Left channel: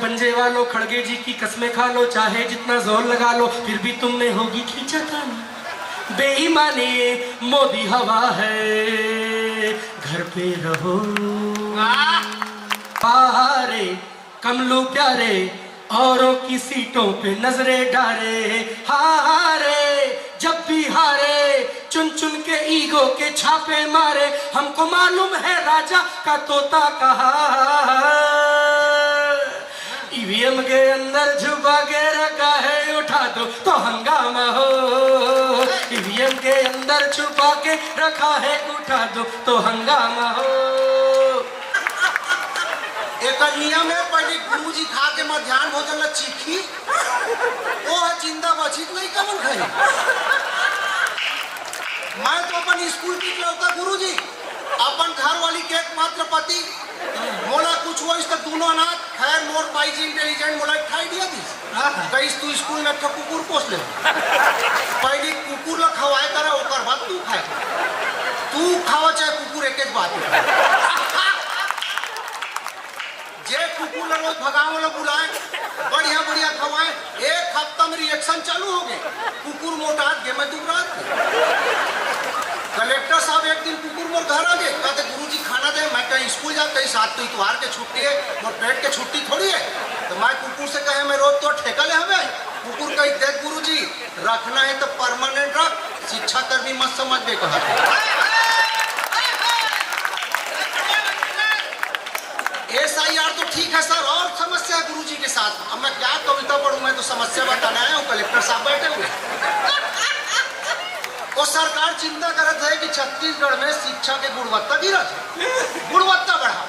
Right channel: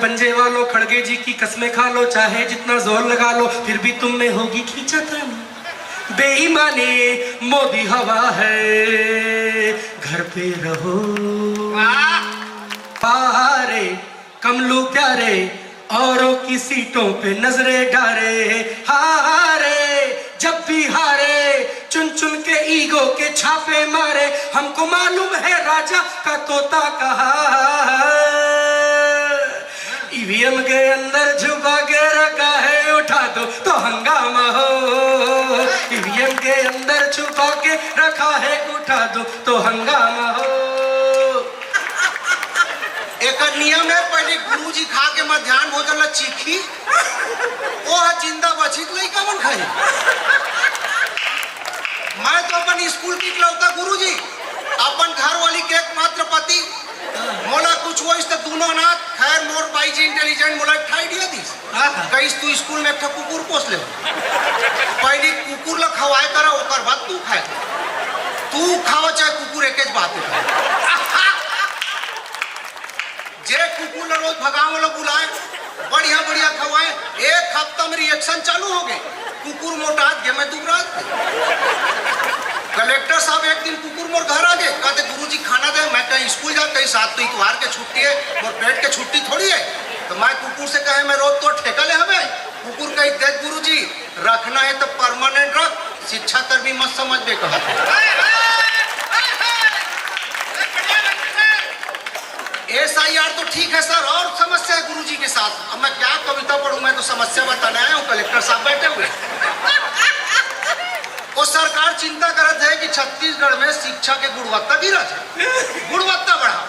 पंजे वालों, खड़गे जी की कसमें खा लो, चाहे जितना जोर लगा लो, फिर भी तुम में होगी खींचापन। बेईमानी मोदी हवा है, घर पे रहो। हारे कमलू प्यारे, औरों की सीटों पे नजरें डारे। हारे जब भी हारे, चुन चुन के ईगो के छापे मारे। हमको मालूम है राजा का तोता कहा, ईवीएम के अंदर छुपा के रखा है, उठा दो तो हंगामा हो। ईवीएम के अंदर छुपा के रखा है, उठा दो तो हंगामा हो। एक नियम है, पहले गुरुजी खा के मध्याह्न भोजन चीखी, वो है जिंदा बची नहीं कौन खाई। मैं तो अपन स्कूल की इकलौता गुरुजी, अपन घर वाली के एकमात्र पति। मोला कुछ हुआ तो दोनों अनाथ। खैर मोर बाई जी इंटेलिजेंट, मोला एक आइडिया दी कहीं तू स्कूल में एक कुकुर पोस ले। पहले कुकुर ला खवाए करा, ओकर बाद तू खाए। तू खावा चाहे कुकुर, एक बात है। जे कुकुर ला रोज भगाव ला बुलाए, बढ़िया बढ़िया खवाए, एक हफ्ता में रिएक्शन चालू हो गए, कुकुर मोटा गए, मैं दुबरात। कलेक्टर साहब एक दिन कुकुर मोर घर आ गए, कहते गुरुजी खाना दे। मैं कहीं स्कूल जा, कहीं साथ तो इतवार के छुट्टी है, मोर पेट के छुट्टी थोड़ी है। तो मैं कुकुर से कहे मैं रोज तो ठेका ले हमें। कुकुर कही देख गुरुजी, रखना है तो परमानेंट रख, शिक्षा कर्मी मत समझ दे। कहा SIR तो ठीक है सर, और समस्या है गुरुजी के साथ। अब मैं क्या कविता पढ़ूं, मैं तो समस्या बताने आया हूँ। कलेक्टर साहब बैठे हुए, वो सरकार चिंता करत है कि छत्तीसगढ़ में शिक्षा के गुणवत्ता गिरा है, गुणवत्ता बढ़ा।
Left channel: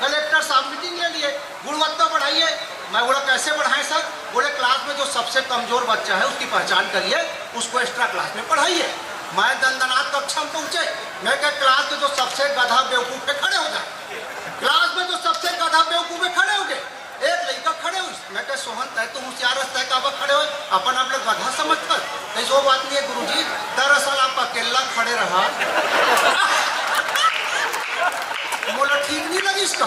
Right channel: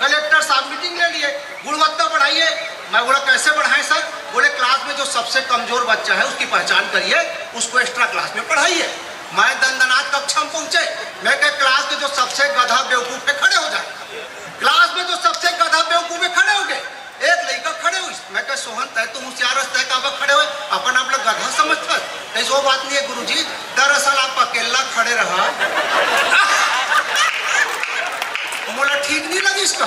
कलेक्टर साहब मीटिंग ले लिए, गुणवत्ता बढ़ाइए। मैं बोला कैसे बढ़ाएं सर? बोले क्लास में जो सबसे कमजोर बच्चा है उसकी पहचान करिए, उसको एक्स्ट्रा क्लास में पढ़ाइए। मैं दंदनाथ कक्षा में पहुंचे, मैं कह क्लास के जो सबसे गधा बेवकूफ पे खड़े हो जाए। क्लास में जो सबसे गधा बेवकूफ पे खड़े हो गए, एक लड़का खड़े हुई। मैं कह सोहन तय तो होशियार तय का खड़े हुए, अपन आप लोग गधा समझ कर। ऐसी वो बात नहीं है गुरुजी, दरअसल आप अकेला खड़े रहा। बोला ठीक नहीं लगी इसका।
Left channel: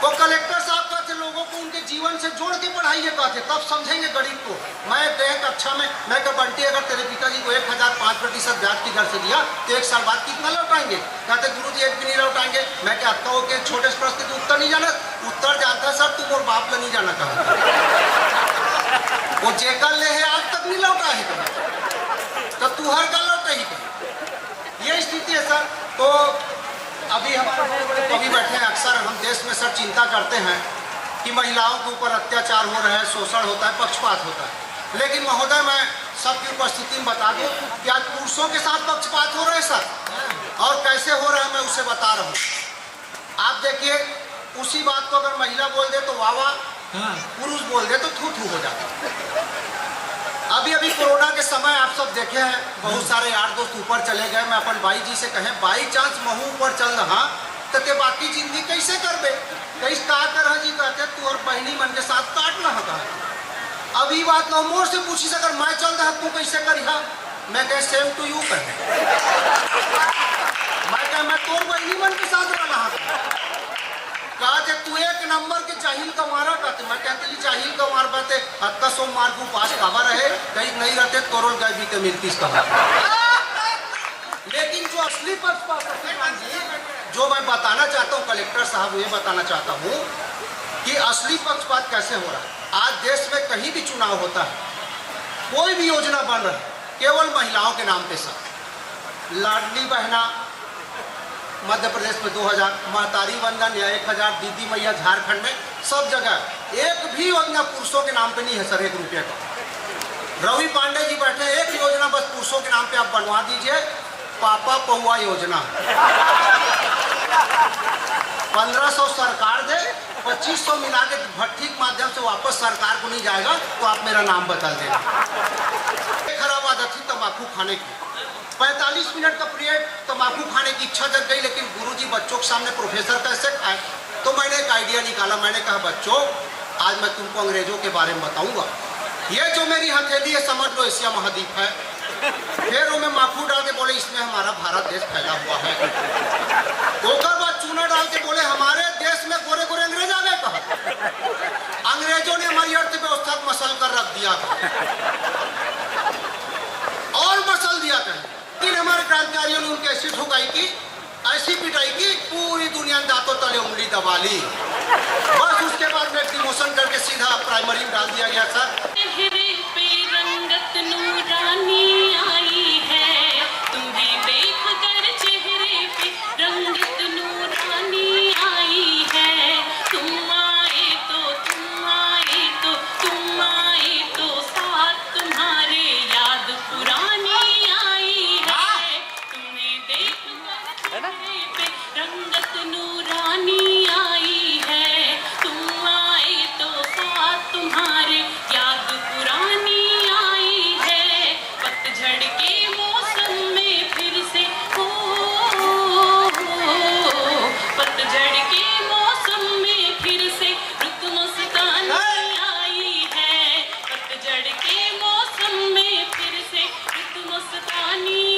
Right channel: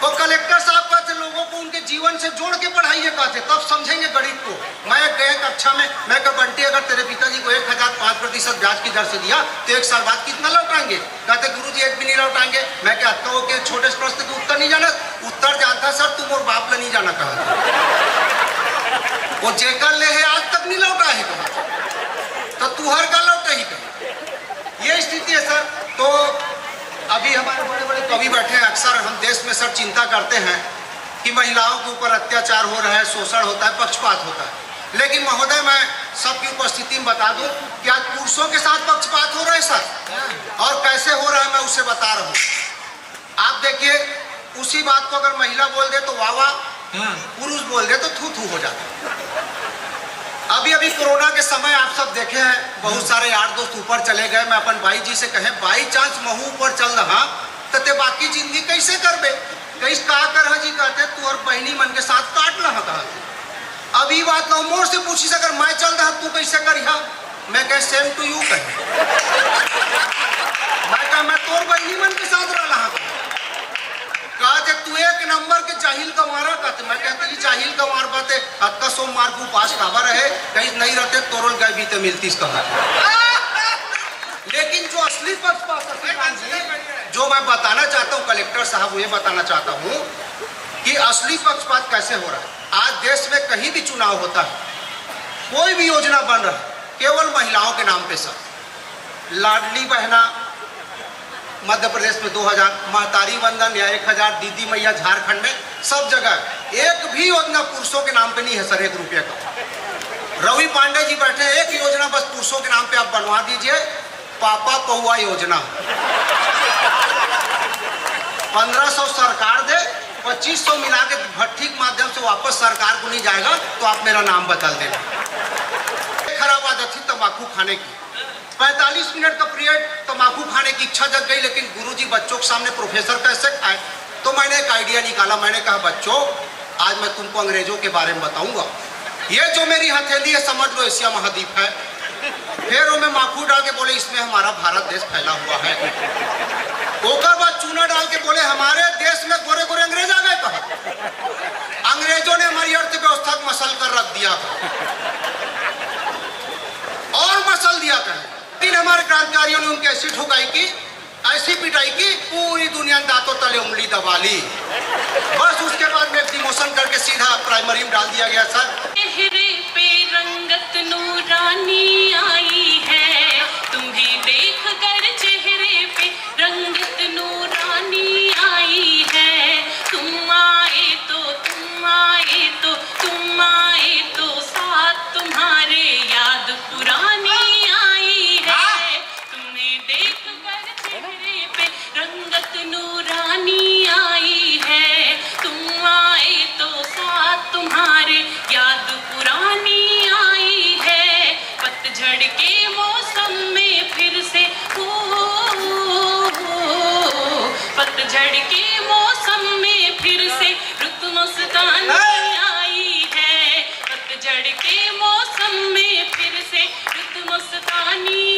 वो कलेक्टर साहब कहते लोगों को उनके जीवन से जोड़ के पढ़ाइए, कहते तब समझेंगे गणित को। मैं गए कक्षा में, मैं कहा बंटी अगर तेरे पिताजी को 1005% ब्याज की दर से दिया तो 1 साल बाद कितना लौटाएंगे? कहते गुरुजी एक भी नहीं लौटाएंगे। मैं कहता हूँ कि छोटे प्रश्न के उत्तर नहीं जाना, उत्तर जानता सर, तुम और बाप ले नहीं जाना कहा। वो जेकर ले है आज तक नहीं लौटा है, तो तू हर का लौटा ही कर। ये स्थिति है सर। तो अभी हमारे बड़े बड़े कवि बैठे हैं, अक्सर हम देश में सर चिंता करते हैं कि महिलाओं के ऊपर अत्याचार हो रहा है, शोषण होता है, पक्षपात होता है। लेकिन महोदय मैं सबकी उपस्थिति में बता दूं कि आज पुरुषों के साथ पक्षपात हो रहे हैं सर, और कैसे हो रहा है मैं उसे बता रहा हूँ। आप देखिए, उसी बात को अगर महिला बोल दे तो वाह वाह, पुरुष बोल दे तो थू थू हो जाता। अभी अभी कोरोना के समय आप सब देखे हैं, बहुत सारे यार दोस्त ऊपर चले गए। मैं अपन भाई जी से कहें बाई चांस महू ऊपर चल रहा तो ते बाकी जिंदगी कैसे करबे? कैसे का कर जी? कहते तू और बहनी मन के साथ काट रहा था। अभी बात लो मोर से पूछी अगर मैं चल रहा तू कैसे करिहा? मैं कह सेम टू यू कह। मैं तोर बहनी मन के साथ रहा। कहा तू एक नंबर के जाहिल का मारा कहते। मैं कहते जाहिल का मार पाते अक्का सो मार को पास कावा रहे, कहीं नहीं रहते तोरल गए भी तो मिलती इसका। लेकिन जो असली पक्षपात जो मैं बताना चाहता हूँ कलेक्टर साहब, ये बताना चाहता हूँ कि असली पक्षपात कैसे हो रहा है। आज देश में कहीं भी चुनाव होता है, कोई भी योजना बन रहा है, केवल महिलाओं के नाम पे सर। लाडली बहना मध्य प्रदेश में 2000, महतारी वंदन या 1000, दीदी मैया झारखंड में, सब जगह एक भी योजना पुरुषों के नाम पे नहीं है सर, 1 रुपये का। रवि पांडे जी बैठे, एक योजना बस पुरुषों के नाम पे आप बनवा दीजिए, पापा पहुआ योजना। 1500 सरकार दे, 2500 मिला के भट्टी के माध्यम से वापस सरकार को नहीं जाएगा तो आप मेरा नाम बदल देना। खराब आदत थी तंबाकू खाने की, 45 मिनट का पीरियड तंबाकू खाने की इच्छा जग गई, लेकिन गुरुजी बच्चों के सामने प्रोफेसर कैसे खाए? तो मैंने एक आइडिया निकाला। मैंने कहा बच्चों आज मैं तुमको अंग्रेजों के बारे में बताऊंगा। ये जो मेरी हथेली है समझ लो एशिया महाद्वीप है। फिर उन्हें माखू डाल के बोले इसमें हमारा भारत देश फैला हुआ है। ओकर बाद चूना डाल के बोले हमारे देश में गोरे गोरे अंग्रेज आ गए कहा। दिया कर और मसल दिया कर। लेकिन हमारे क्रांतिकारियों ने उनकी ऐसी ठुकाई की, ऐसी पिटाई की, पूरी दुनिया दांतों तले उंगली दबा ली। बस उसके बाद में डिमोशन करके सीधा प्राइमरी में डाल दिया गया सर। चेहरे पे रंगत नूरानी आई है, तुम्हें देख कर चेहरे पे रंगत नूरानी आई है। तुम आए तो तुम आए तो तुम आए तो साथ तुम्हारे याद पुरानी आई है। तुम्हें देख कर चेहरे पे रंगत नूरानी आई है। तुम आए तो साथ तुम्हारे याद पुरानी आई है। पतझड़ के मौसम में फिर से पतझड़ के मौसम में फिर से रुत मस्तानी आई है। पतझड़ के मौसम में फिर से रुत मस्तानी